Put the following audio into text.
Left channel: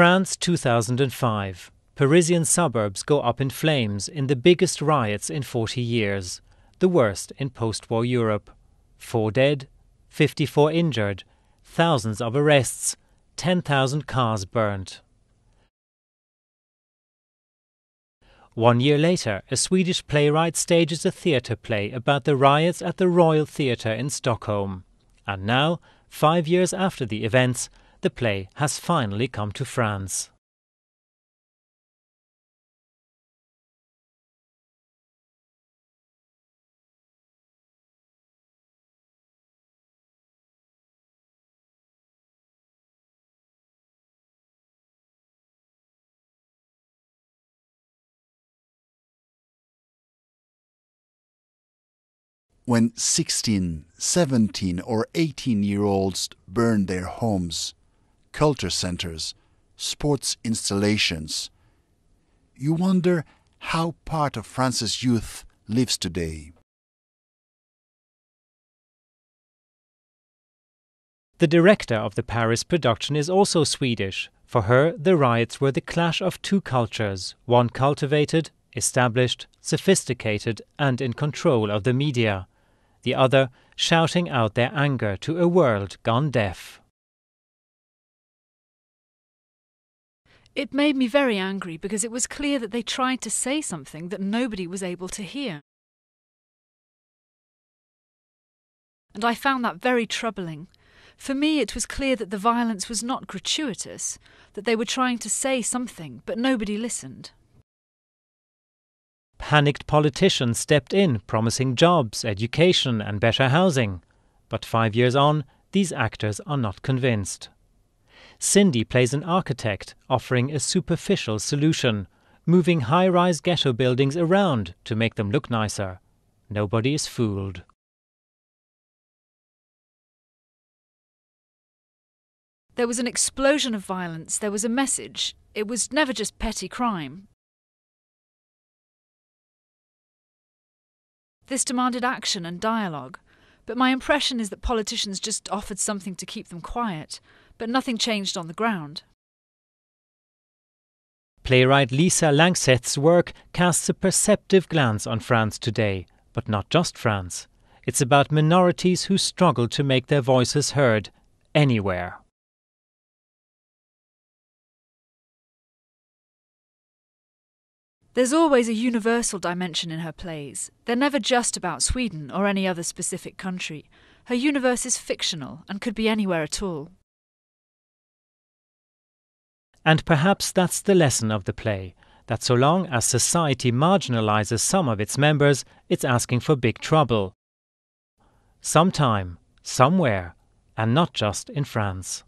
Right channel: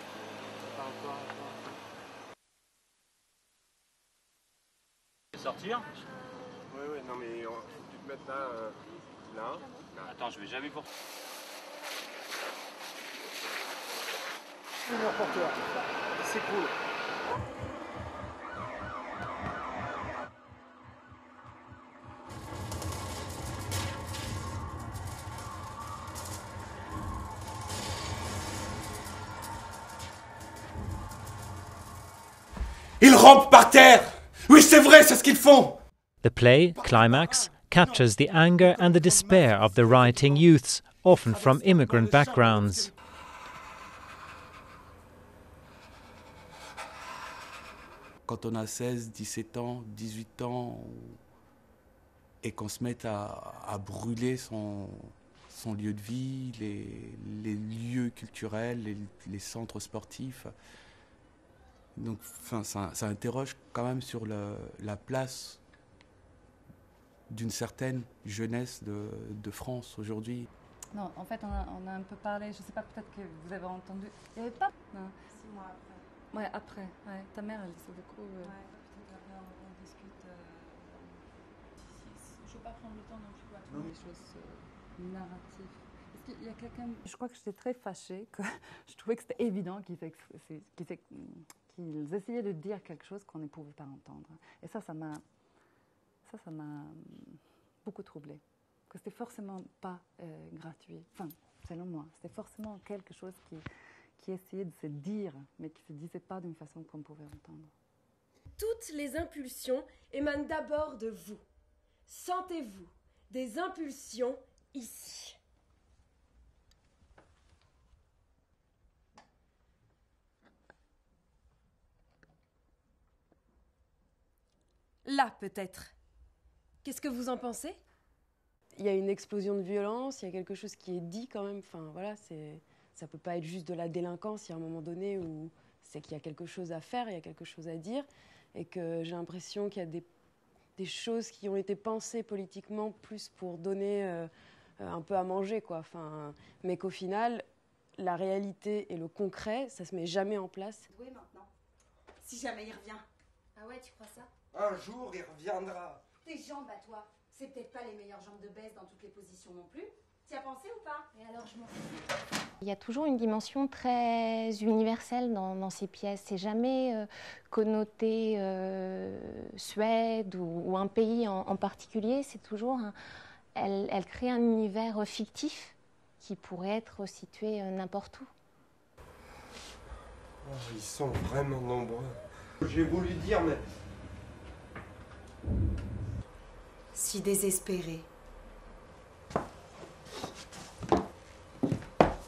France 2005. Parisian suburbs go up in flames in the biggest riots in 40 years, the worst in post-war Europe. 4 dead, 54 injured, thousands of arrests, 10,000 cars burnt. 1 year later, a Swedish playwright stages a theatre play about the riots at the Royal Theatre in Stockholm. And now, 5 years after the events, the play has finally come to France. Ils rampent par terre! Oui, c'est vrai, c'est ce qu'ils font! The play, KLIMAX, captures the anger and the despair of the rioting youths, often from immigrant backgrounds. When 16, 17 or 18-year-olds burn their homes, culture centers, sports installations, you wonder how part of France's youth lives today. The director of the Paris production is also Swedish. For her, the riots were the clash of two cultures, one cultivated, established, sophisticated and in control of the media, the other shouting out their anger to a world gone deaf. It made me very angry because it was clear that they tried to say something that nobody was able to hear. And I found that very troubling. For me, it was clear that the violence was not gratuitous, that they were trying to say something, but nobody listened. Panicked politicians stepped in, promising jobs, education and better housing. But 5 years on, these actors are not convinced. Cindy plays an architect, offering a superficial solution, moving high-rise ghetto buildings around to make them look nicer. Nobody is fooled. There was an explosion of violence, there was a message. It was never just petty crime. This demanded action and dialogue, but my impression is that politicians just offered something to keep them quiet, but nothing changed on the ground. Playwright Lisa Langseth's work casts a perceptive glance on France today, but not just France. It's about minorities who struggle to make their voices heard anywhere. There's always a universal dimension in her plays. They're never just about Sweden or any other specific country. Her universe is fictional and could be anywhere at all. And perhaps that's the lesson of the play, that so long as society marginalizes some of its members, it's asking for big trouble. Sometime, somewhere, and not just in France.